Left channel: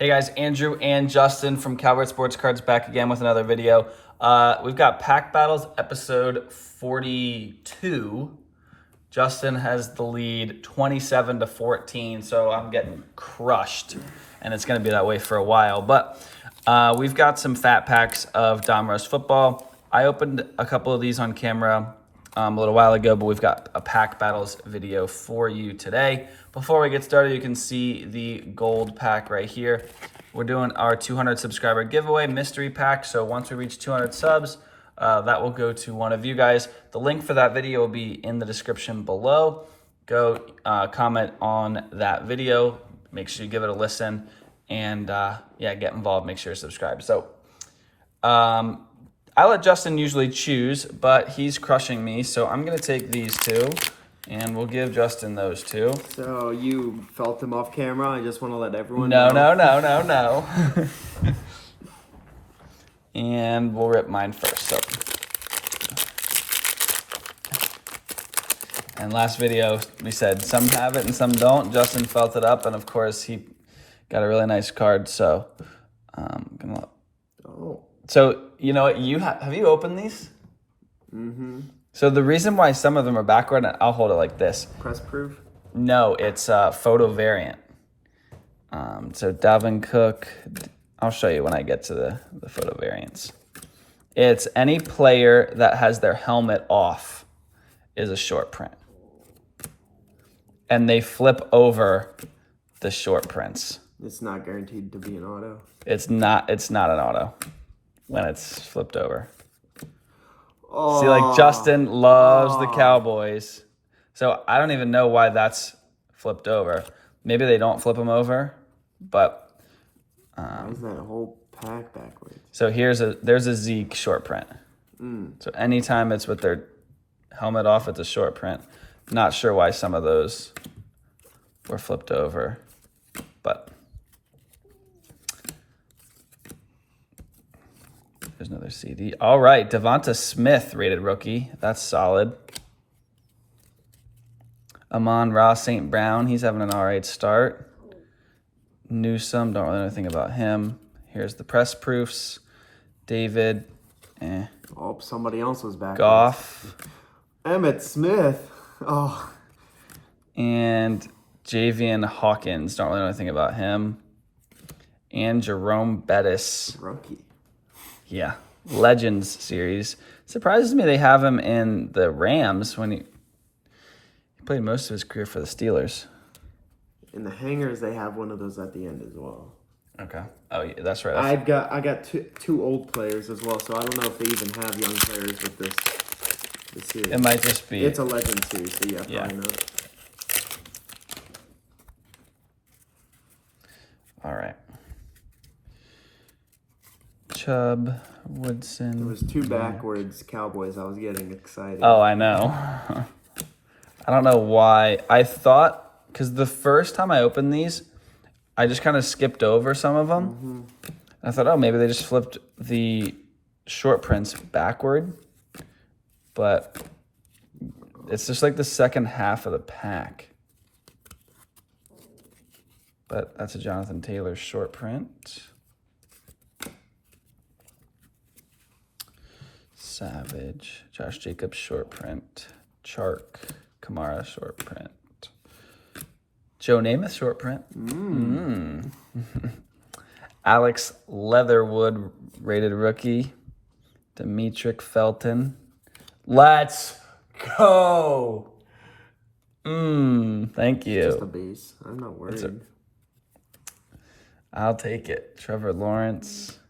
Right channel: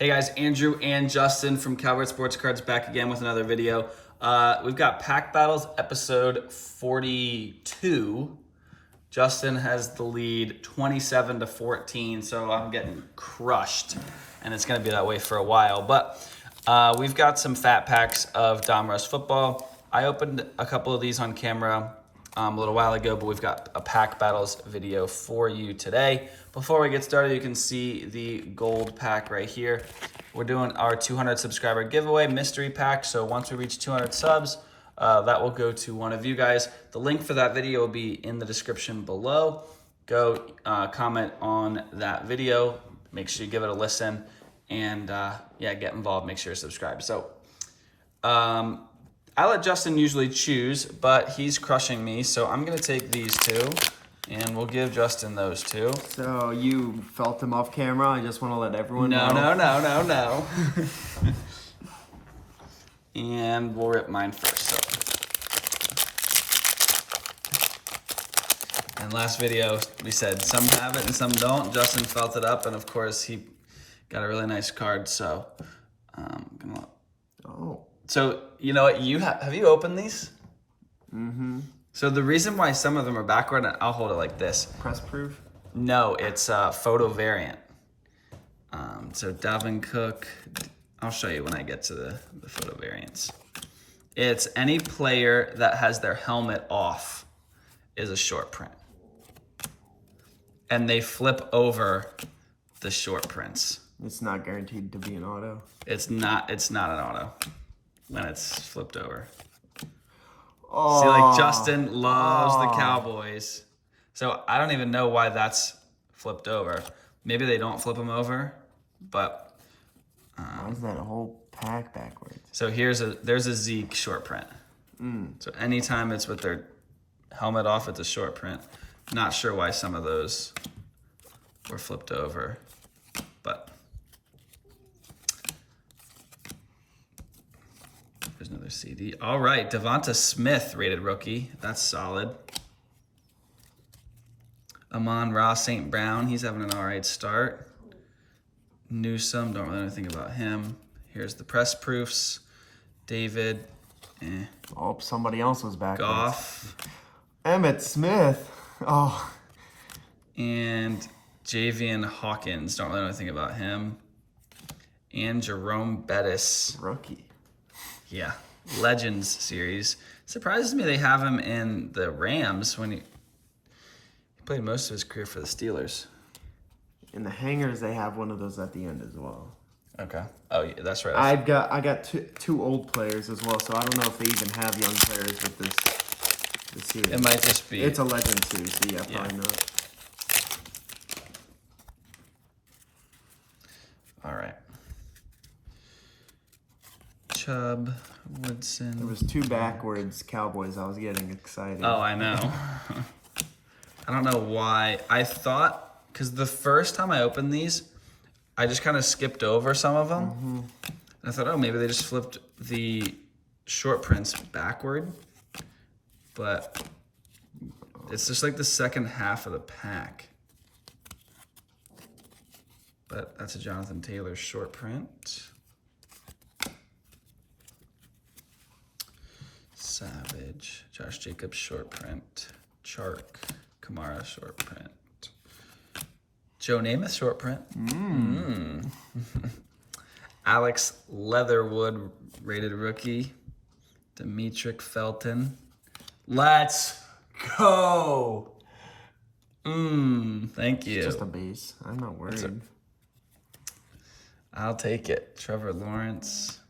Hey guys, Andrew and Justin from Cowboy Sports Cards back again with another video. We've got Pack Battles episode 42. Justin has the lead 27-14, so I'm getting crushed, and it's gonna be that way for a while. But we've got some fat packs of Donruss football. I opened a couple of these on camera a little while ago, but we've got a Pack Battles video for you today. Before we get started, you can see the gold pack right here. We're doing our 200 subscriber giveaway mystery pack. So once we reach 200 subs, that will go to one of you guys. The link for that video will be in the description below. Go comment on that video. Make sure you give it a listen, and yeah, get involved. Make sure you subscribe. So I let Justin usually choose, but he's crushing me. So I'm gonna take these two, and we'll give Justin those two. So you felt them off camera? I just want to let everyone know. No. And we'll rip mine first. So. And last video, we said some have it and some don't. Justin felt it up, and of course, he got a really nice card. So, So, you know what? Have you opened these? Mm-hmm. So the reason why some of them are backward, and I'll hold it like this. Press proof? No, it's a photo variant. So Dalvin Cook, I'll show you when I get to the photo variants. It's any player that has their helmet off is a short print. And they flip over the short prints. It's not guaranteed to be an auto. It's not an auto when it's flipped over. Oh. See, like Justin loves the Cowboys. So I don't even know why that's flipped over. Maybe they don't flip them over, but isn't that a whole pack backwards? So there's a Zeke short print. So anytime it's with their helmet off, it's a short print. Not sure why some of those were flipped over, but there's another CD. All right, Devonta Smith rated rookie. That's solid. Amon-Ra St. Brown, he's having an all right start. Newsome, don't really know anything about him. Here's the press proofs. David, Oh, somebody else was back. Goff. Emmitt Smith. Oh. And Javian Hawkins, don't really know anything about him. And Jerome Bettis. Rookie. Yeah, Legends series. Surprises me they have him in the Rams when he played most of his career for the Steelers. In the hangers, they have one of those at the end as well. Okay. Oh, yeah, that's right. I got two old players as well, so I don't know if they even have young players with this series. It might just be. It's a legend series, so Yeah. I know it. All right. Chubb, Woodson. There was two backwards Cowboys. I was getting excited. Oh, I know. I don't know why. I thought, because the first time I opened these, I just kind of skipped over some of them. Mm-hmm. I thought, oh, maybe they just flipped the short prints backward. But it's just like the second half of the pack. But that's a Jonathan Taylor short print. Savage, Josh Jacobs short print. Chark, Kamara short print. Joe Namath short print. Alex Leatherwood rated rookie. Demetric Felton. Let's go. Thank you. It's just a base. I'm not worried. I'll take it. Trevor Lawrence.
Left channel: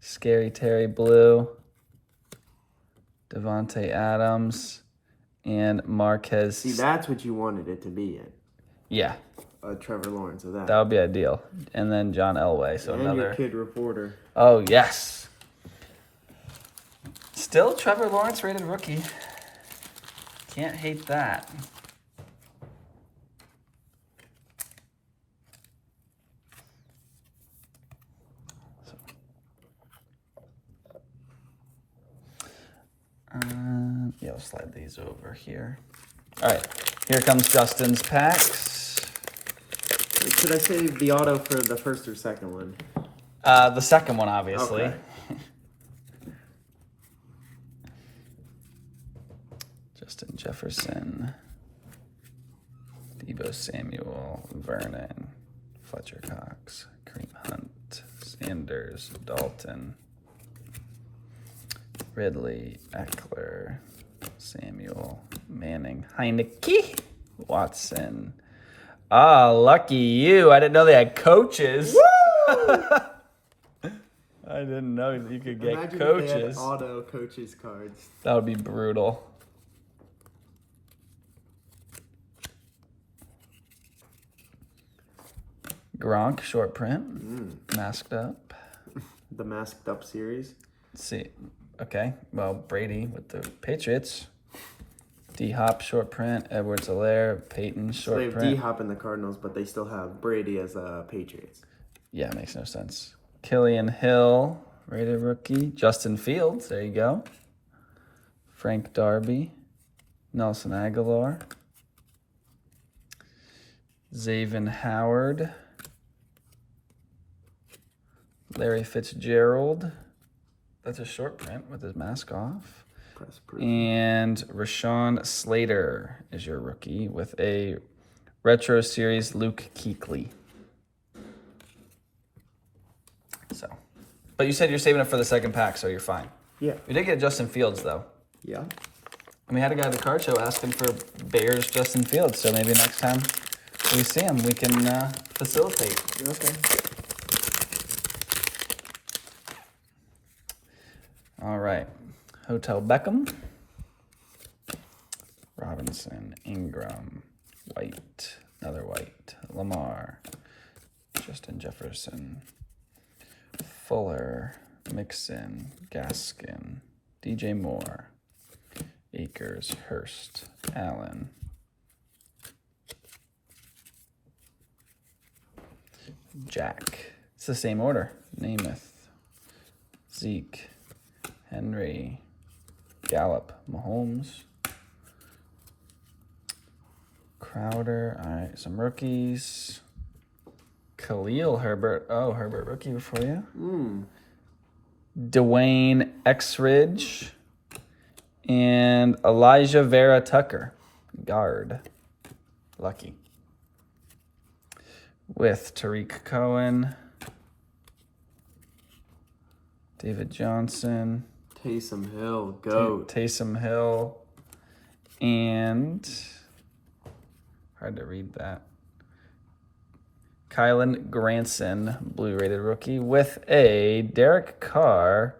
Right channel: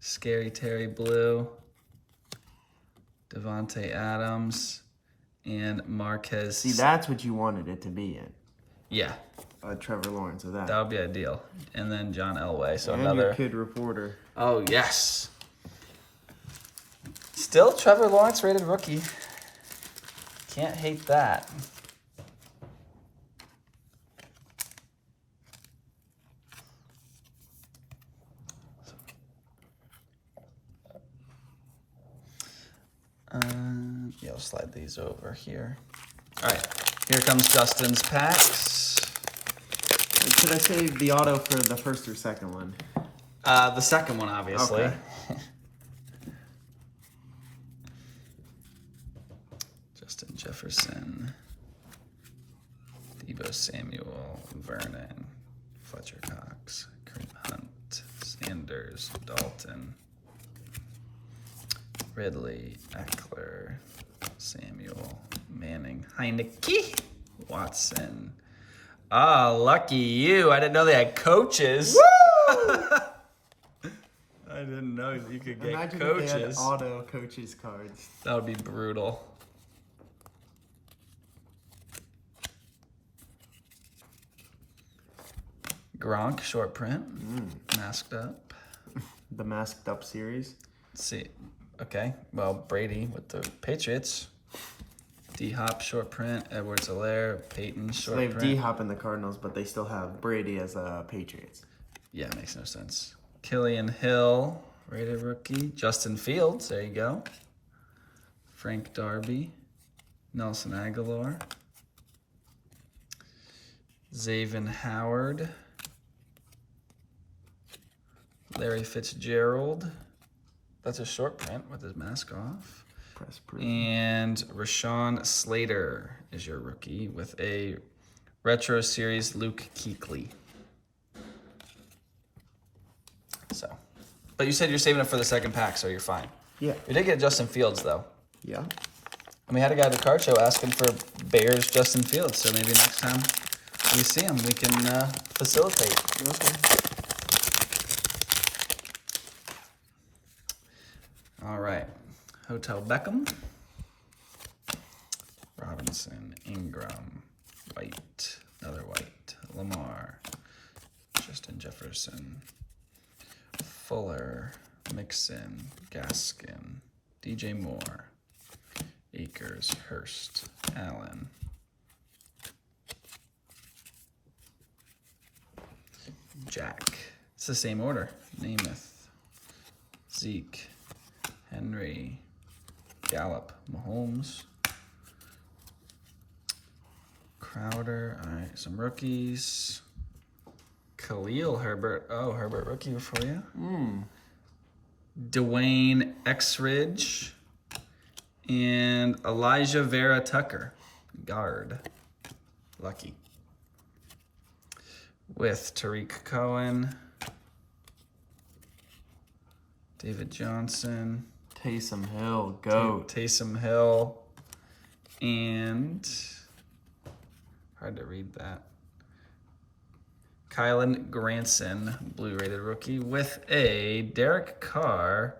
Scary Terry Blue. Devontae Adams. And Marquez. See, that's what you wanted it to be in. Yeah. Trevor Lawrence of that. That would be ideal. And then John Elway. So and another. Your kid reporter. Oh, yes. Still Trevor Lawrence rated rookie. Can't hate that. Yeah, I'll slide these over here. All right, here comes Justin's packs. It's should I save the auto for the first or second one? The second one, obviously. Okay. Justin Jefferson, Deebo Samuel, Vernon, Fletcher Cox, Kareem Hunt, Sanders, Dalton, Ridley, Eckler, Samuel, Manning, Heineke, Watson. Ah, lucky you. I didn't know they had coaches. I didn't know you could get Imagine coaches. If they had auto coaches cards. That would be brutal. Gronk, short print, masked up. The masked up series. Let's see. Okay, well, Brady with the Patriots. D-Hop, short print. Edwards-Helaire, Peyton, So short they have print. D-Hop in the Cardinals, but they still have Brady as Patriots. Yeah, makes no sense. Killian Hill, rated rookie. Justin Fields, there you go. Frank Darby, Nelson Aguilar, Xavier Howard, Larry Fitzgerald. That's a short print with his mask off. Press proof. And Rashawn Slater is your rookie with a retro series Luke Kuechly. So, but you said you're saving it for the second pack, so you're fine. Yeah. We did get Justin Fields though. Yeah. And we had a guy at the card show asking for Bears Justin Fields, so maybe next time we see him, we can facilitate. Okay. All right. Hotel Beckham, Robinson, Ingram, White, another White, Lamar, Justin Jefferson, Fuller, Mixon, Gaskin, DJ Moore, Akers, Hurst, Allen, Jack. It's the same order. Namath, Zeke, Henry, Gallup, Mahomes, Crowder. All right, some rookies. Khalil Herbert. Oh, Herbert rookie for you. Dwayne Exridge and Elijah Vera Tucker, guard. Lucky. With Tariq Cohen, David Johnson, Taysom Hill, GOAT. Taysom Hill, and hard to read that. Kylan Granson, blue rated rookie, with a Derek Carr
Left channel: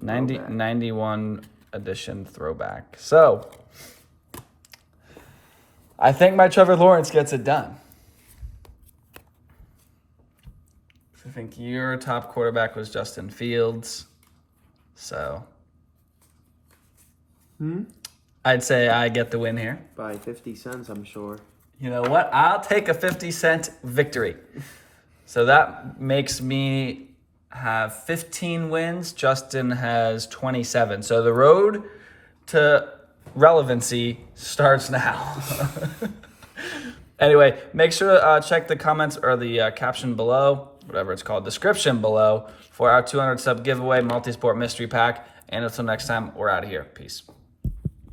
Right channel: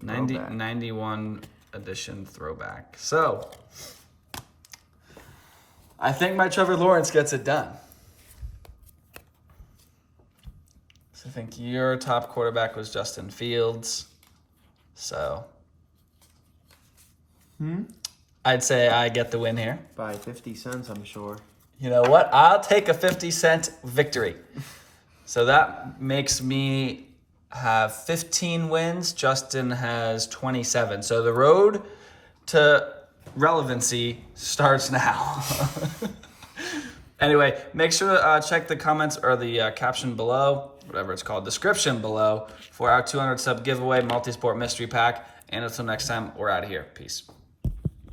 91 edition throwback. So I think my Trevor Lawrence gets it done. So I think your top quarterback was Justin Fields. So I'd say I get the win here. By 50 cents, I'm sure. You know what? I'll take a 50-cent victory. So that makes me have 15 wins. Justin has 27. So the road to relevancy starts now. Anyway, make sure to check the comments or the caption below, whatever it's called, description below, for our 200 sub giveaway multi-sport mystery pack. And until next time, we're out of here. Peace.